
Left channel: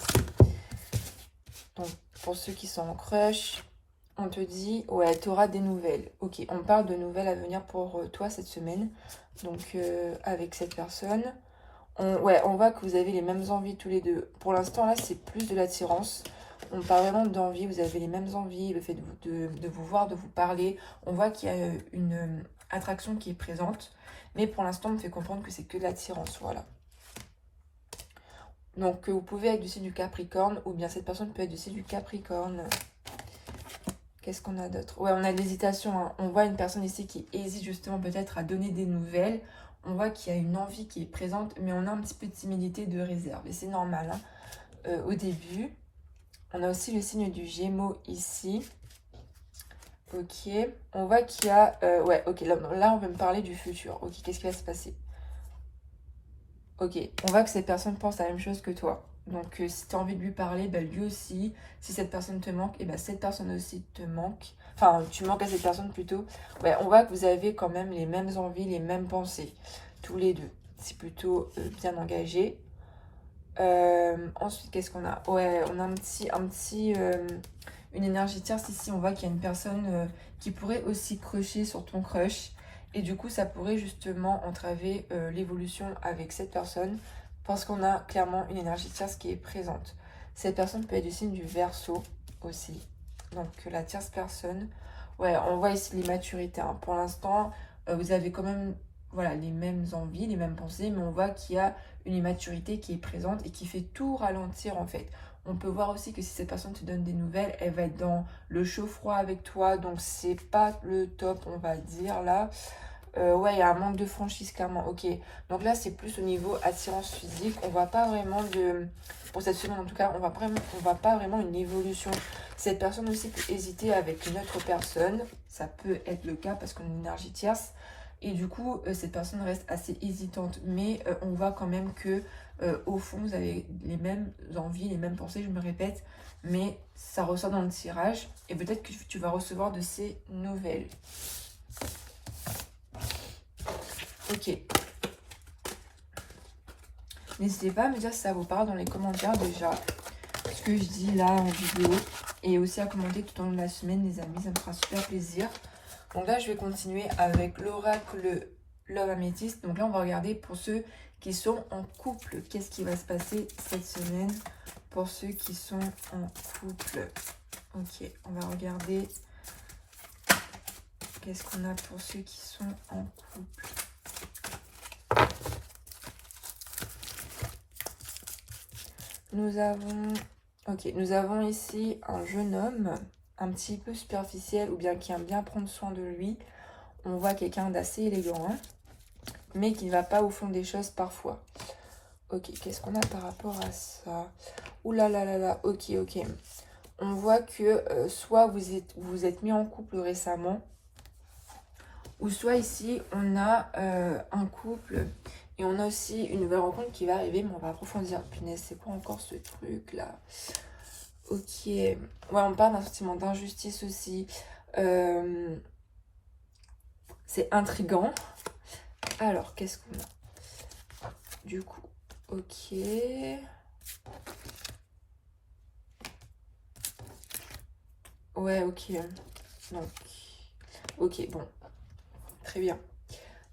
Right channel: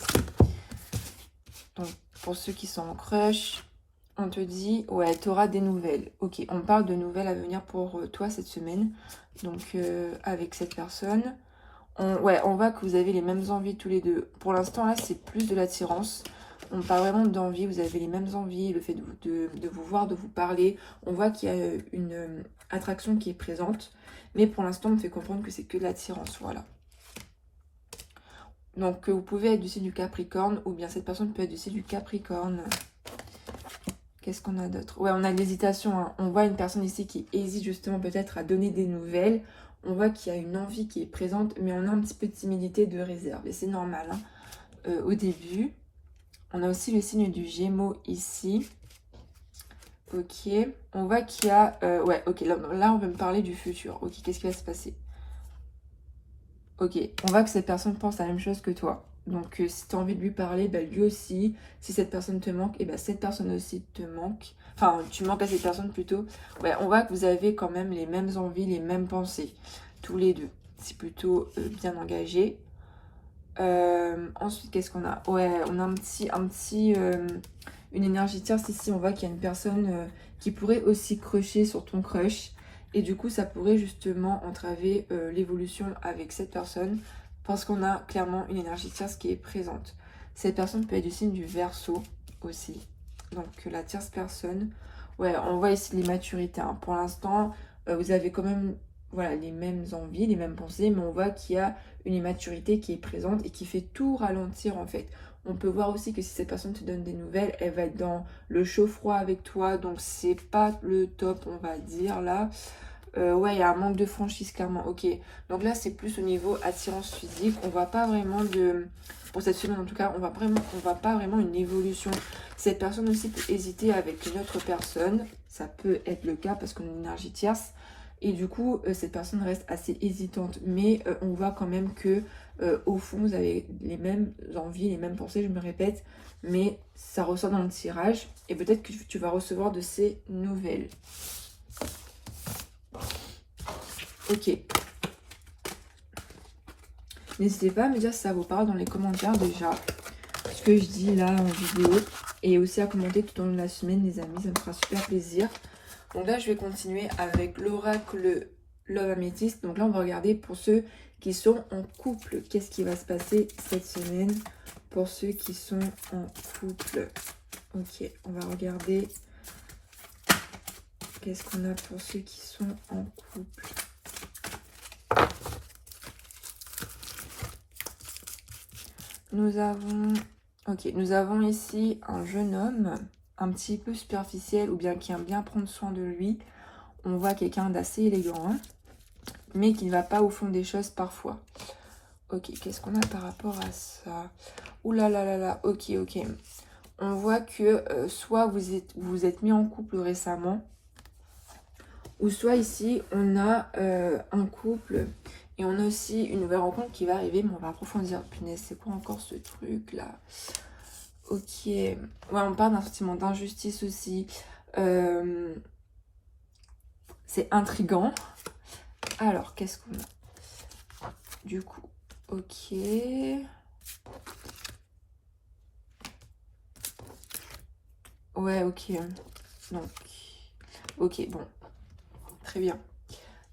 Donc pour ceux qui sont en crush, on te dit, ouais, tu auras des nouvelles. Ok, on parle de nouvelles à venir pour toi cette semaine. Donc avec cette personne. On voit que vous avez les mêmes envies tous les deux. Pour l'instant, là, c'est plus de l'attirance. On parle vraiment d'envie. Vous avez les mêmes envies, le fait de vous voir, de vous parler. On voit qu'il y a une attraction qui est présente. Mais pour l'instant, on me fait comprendre que c'est que de l'attirance. Voilà. Donc, vous pouvez être du signe du Capricorne, ou bien cette personne peut être du signe du Capricorne. Qu'est-ce qu'on a d'autre? Ouais, on a de l'hésitation, hein. On voit une personne ici qui hésite justement peut-être à donner des nouvelles. On voit qu'il y a une envie qui est présente, mais on a un petit peu de timidité, de réserve. Et c'est normal, hein. au début. On a aussi le signe du Gémeaux ici. Ok, on voit qu'il y a... ouais, ok, là on va me parler du futur. Ok, qu'est-ce qui va se passer? Ok, on voit que cette personne pense la même chose que toi. Donc si tu as envie de lui parler, bah, lui aussi. Si cette personne te manque, et bah, cette personne aussi te manque. Enfin, tu manques à cette personne plutôt. Ouais, on voit que vous avez quand même les mêmes envies, les mêmes pensées. Tous les deux. C'est plutôt bien engagé. Ensuite, qu'est-ce qu'on a? Ouais, on a une énergie tierce ici. On voit qu'il y a une personne qui pourrait aussi crusher sur ton crush. Et du coup, ça pourrait justement entraver l'évolution avec cette personne. Parce qu'on a clairement une énergie tierce qui est présente. Cette personne peut être du signe du Verseau aussi. Donc la tierce personne. Ouais, on voit ici l'immaturité. Hein. Pour l'instant, vous avez quand même voilà, les mêmes envies, les mêmes pensées. Mais on voit qu'il y a une immaturité qui est présente et qui fait tout ralentir en fait. On peut voir aussi que si cette personne te donne des nouvelles, elle va être dans le chaud-froid avec toi, donc c'est pas le top, on va dire là. Ouais, il y a un manque de franchise clairement, ok. Donc là, c'est plus au niveau attirance physique, on voit pas vraiment de... Pour cette semaine en tout cas, on voit pas vraiment une évolution. Cette personne aussi peut hésiter avec une autre personne, ça peut être le cas parce qu'on a une énergie tierce. Et du coup, cette personne reste assez hésitante. Mais on voit quand même que au fond, vous avez les mêmes envies, les mêmes pensées, je me répète. Mais ça ressort dans le tirage. Et peut-être que tu vas recevoir de ces nouvelles. Ok. N'hésitez pas à me dire si ça vous parle dans les commentaires déjà. Ce que je dis là en vidéo. Et aussi à commenter tout au long de la semaine, les amis. Ça me fera super plaisir. Donc là, je vais continuer avec l'oracle Love Amethyst. Donc là, on va regarder pour ceux qui sont en couple. Qu'est-ce qui va se passer cette semaine pour ceux qui sont en couple? Ok, on va regarder. Qu'est-ce qu'on a pour ceux qui sont en couple? Nous avons ici un jeune homme, un petit peu superficiel ou bien qui aime bien prendre soin de lui. On voit quelqu'un d'assez élégant, hein, mais qui ne va pas au fond des choses parfois. Ok, qu'est-ce qu'on a par rapport à ça? Ouh là là là là, ok. On voit que soit vous êtes mis en couple récemment, ou soit ici, on a un couple et on a aussi une nouvelle rencontre qui va arriver, mais on va approfondir. Punaise, c'est quoi encore ce truc-là? Ok. Ouais, on parle d'un sentiment d'injustice aussi. C'est intriguant. Alors, qu'est-ce qu'on a? Du coup, ok. Ouais, ok. Donc, ok, bon. Très bien.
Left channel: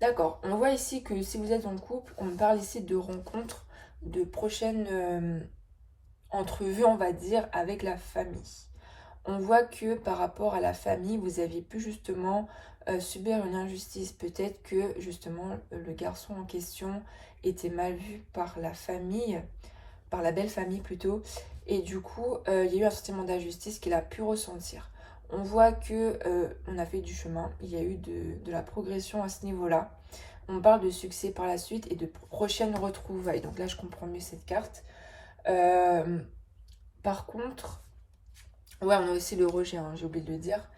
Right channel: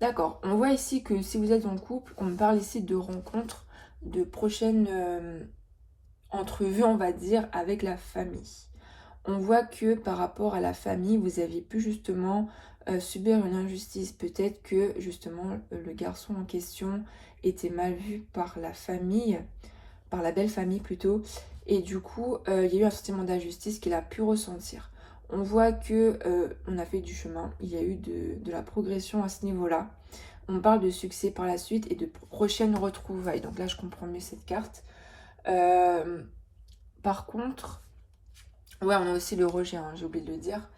D'accord. On voit ici que si vous êtes en couple, on parle ici de rencontres, de prochaines entrevues, on va dire, avec la famille. On voit que par rapport à la famille, vous aviez pu justement subir une injustice. Peut-être que justement le garçon en question était mal vu par la famille, par la belle famille plutôt. Et du coup, il y a eu un sentiment d'injustice qu'il a pu ressentir. On voit que on a fait du chemin, il y a eu de la progression à ce niveau-là. On parle de succès par la suite et de prochaines retrouvailles. Donc là, je comprends mieux cette carte. Par contre, ouais, on a aussi le rejet, hein, j'ai oublié de le dire.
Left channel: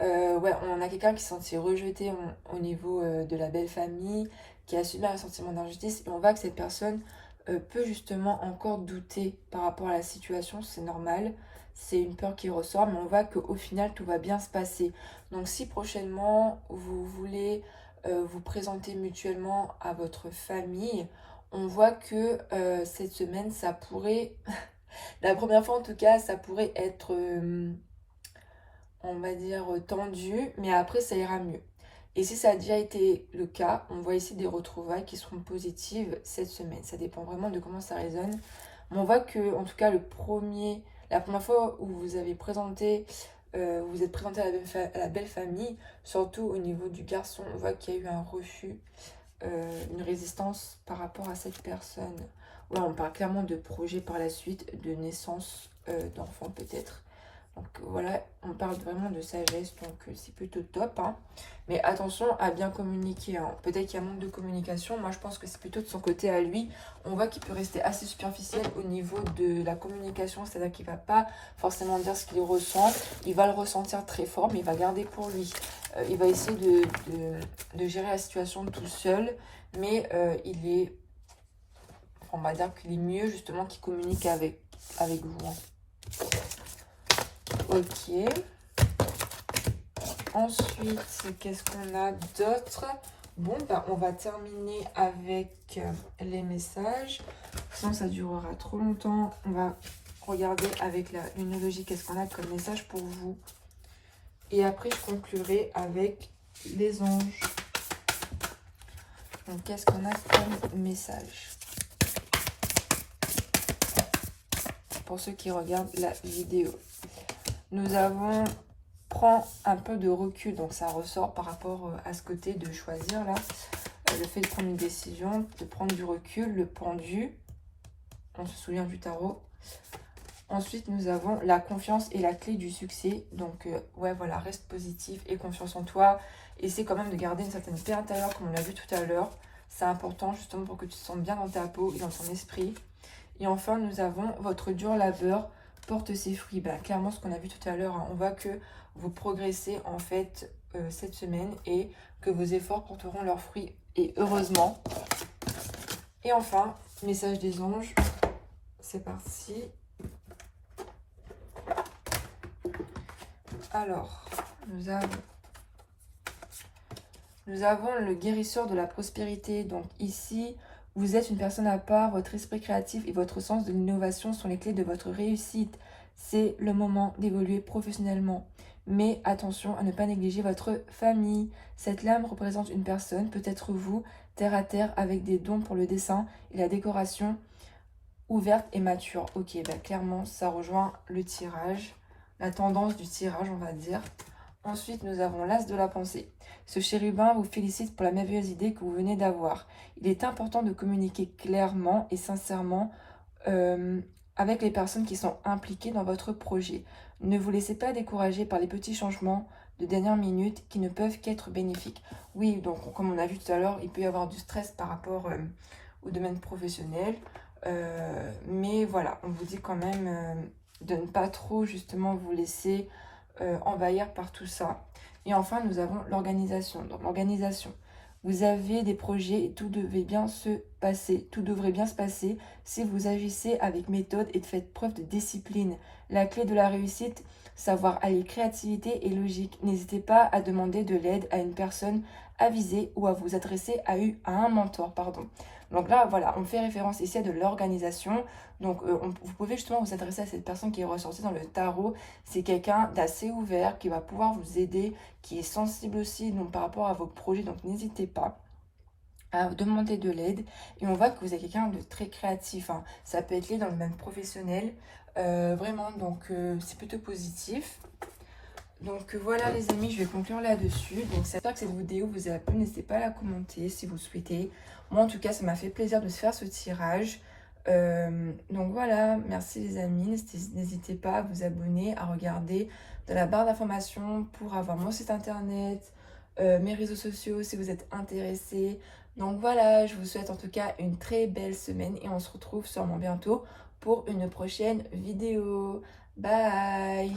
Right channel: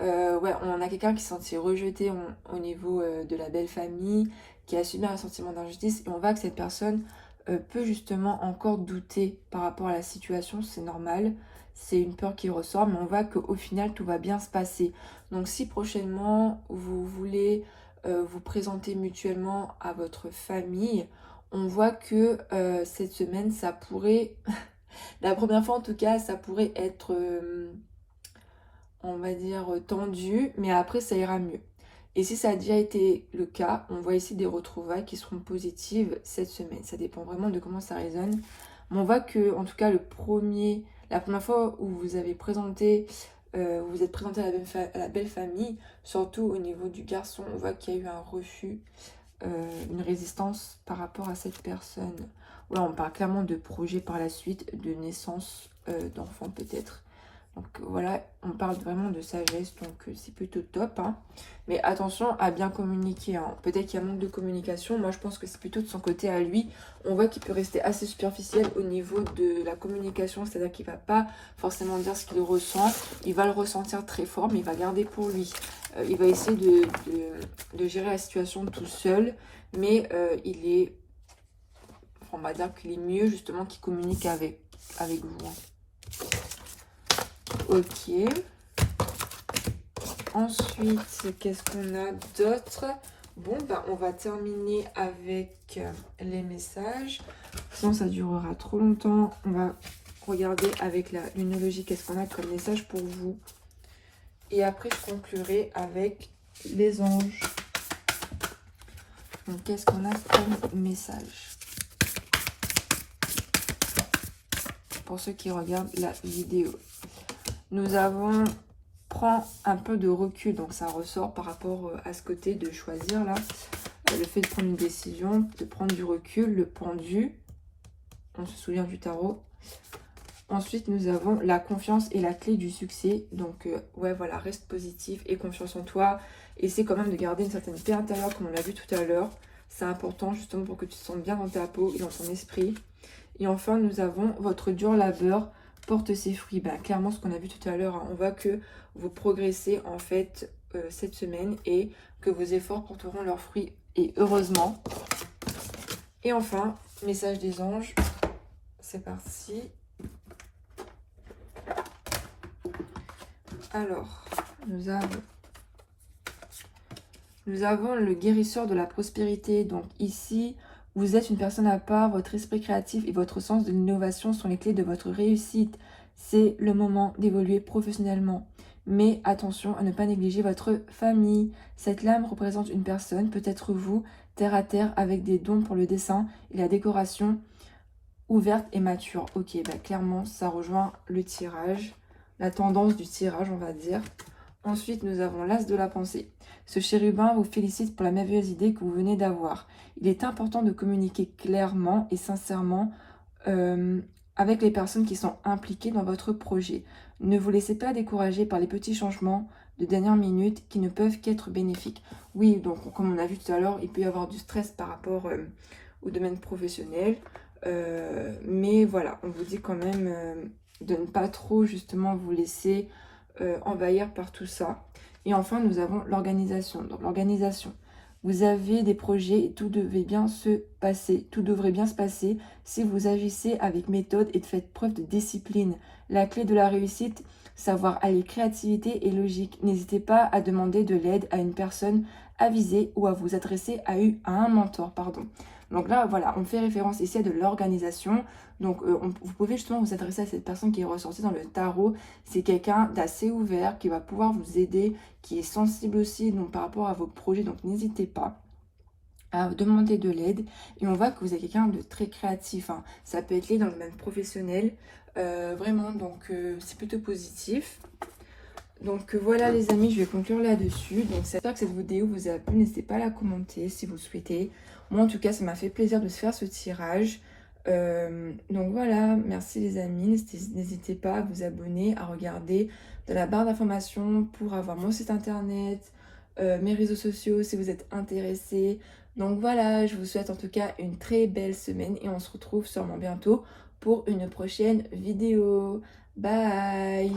Ouais, on a quelqu'un qui s'est senti rejeté au niveau de la belle famille, qui a subi un sentiment d'injustice. Et on voit que cette personne peut justement encore douter par rapport à la situation, c'est normal. C'est une peur qui ressort, mais on voit qu'au final, tout va bien se passer. Donc si prochainement, vous voulez vous présenter mutuellement à votre famille, on voit que cette semaine, ça pourrait... La première fois, en tout cas, ça pourrait être... on va dire tendu, mais après ça ira mieux. Et si ça a déjà été le cas, on voit ici des retrouvailles qui seront positives cette semaine. Ça dépend vraiment de comment ça résonne. Mais on voit que, en tout cas, la première fois où vous avez présenté, vous êtes présenté à la belle famille, surtout au niveau du garçon, on voit qu'il y a eu un refus, une résistance par rapport à cette personne. Ouais, on parle clairement de projet par la suite, de naissance d'enfants peut-être. Donc voilà, on parle vraiment de sagesse, donc c'est plutôt top. Hein. Mais attention à bien communiquer. Hein. Peut-être qu'il y a un manque de communication. Moi, je pense que c'est plutôt de son côté à lui. On voit qu'il peut rester assez superficiel au niveau de la communication. C'est-à-dire qu'il ne va pas forcément dire ce qu'il ressent. Il va le ressentir très fort, mais il va garder pour lui. Il va essayer de gérer la situation tout seul. Mais il est... on va dire qu'il est mieux justement qu'il communique avec vous. Hein. Ok. Ensuite, qu'est-ce qu'on a d'autre? Bon, bah, on va terminer avec les messages. Sinon, ça durera trop longtemps. On va regarder avec la lunologie qu'est-ce qu'on a comme message pour vous. Et après, je conclurai avec les anges. Donc, qu'est-ce qu'on a comme message? Pour ceux qui regardent la vidéo. Nous avons... prend un peu de recul, donc ça ressort par rapport à ce côté de choisir là, le fait de prendre une décision, de prendre du recul, le pendu, on se souvient du tarot. Ensuite nous avons la confiance et la clé du succès, donc ouais voilà, reste positif et confiance en toi, essaie quand même de garder une certaine paix intérieure comme on l'a vu tout à l'heure, c'est important justement pour que tu te sentes bien dans ta peau et dans ton esprit. Et enfin nous avons votre dur labeur porte ses fruits. Ben, clairement ce qu'on a vu tout à l'heure, hein, on voit que vous progressez en fait cette semaine et que vos efforts porteront leurs fruits et heureusement. Et enfin, message des anges, c'est parti. Alors, nous avons le guérisseur de la prospérité. Donc ici, vous êtes une personne à part, votre esprit créatif et votre sens de l'innovation sont les clés de votre réussite. C'est le moment d'évoluer professionnellement. Mais attention à ne pas négliger votre famille. Cette lame représente une personne, peut-être vous, terre à terre, avec des dons pour le dessin et la décoration, ouverte et mature. Ok, bah clairement, ça rejoint le tirage, la tendance du tirage, on va dire. Ensuite, nous avons l'as de la pensée. Ce chérubin vous félicite pour la merveilleuse idée que vous venez d'avoir. Il est important de communiquer clairement et sincèrement avec les personnes qui sont impliquées dans votre projet. Ne vous laissez pas décourager par les petits changements de dernière minute qui ne peuvent qu'être bénéfiques. Oui, donc comme on a vu tout à l'heure, il peut y avoir du stress par rapport au domaine professionnel. Mais voilà, on vous dit quand même de ne pas trop justement vous laisser envahir par tout ça. Et enfin, nous avons l'organisation. Donc l'organisation, vous avez des projets et tout devrait bien se passer. Tout devrait bien se passer si vous agissez avec méthode et faites preuve de discipline. La clé de la réussite, savoir allier créativité et logique. N'hésitez pas à demander de l'aide à une personne avisée ou à vous adresser à un mentor, pardon. Donc là, voilà, on fait référence ici à de l'organisation. Donc, vous pouvez justement vous adresser à cette personne qui est ressortie dans le tarot. C'est quelqu'un d'assez ouvert, qui va pouvoir vous aider, qui est sensible aussi donc, par rapport à vos projets. Donc, n'hésitez pas à demander de l'aide. Et on voit que vous êtes quelqu'un de très créatif. Hein. Ça peut être lié dans le domaine professionnel. Vraiment, donc c'est plutôt positif. Donc voilà les amis, je vais conclure là-dessus. Donc j'espère que cette vidéo vous a plu. N'hésitez pas à la commenter si vous le souhaitez. Moi en tout cas, ça m'a fait plaisir de se faire ce tirage. Donc voilà, merci les amis. N'hésitez pas à vous abonner, à regarder dans la barre d'informations pour avoir mon site internet, mes réseaux sociaux si vous êtes intéressés. Donc voilà, je vous souhaite en tout cas une très belle semaine et on se retrouve sûrement bientôt pour une prochaine vidéo. Bye!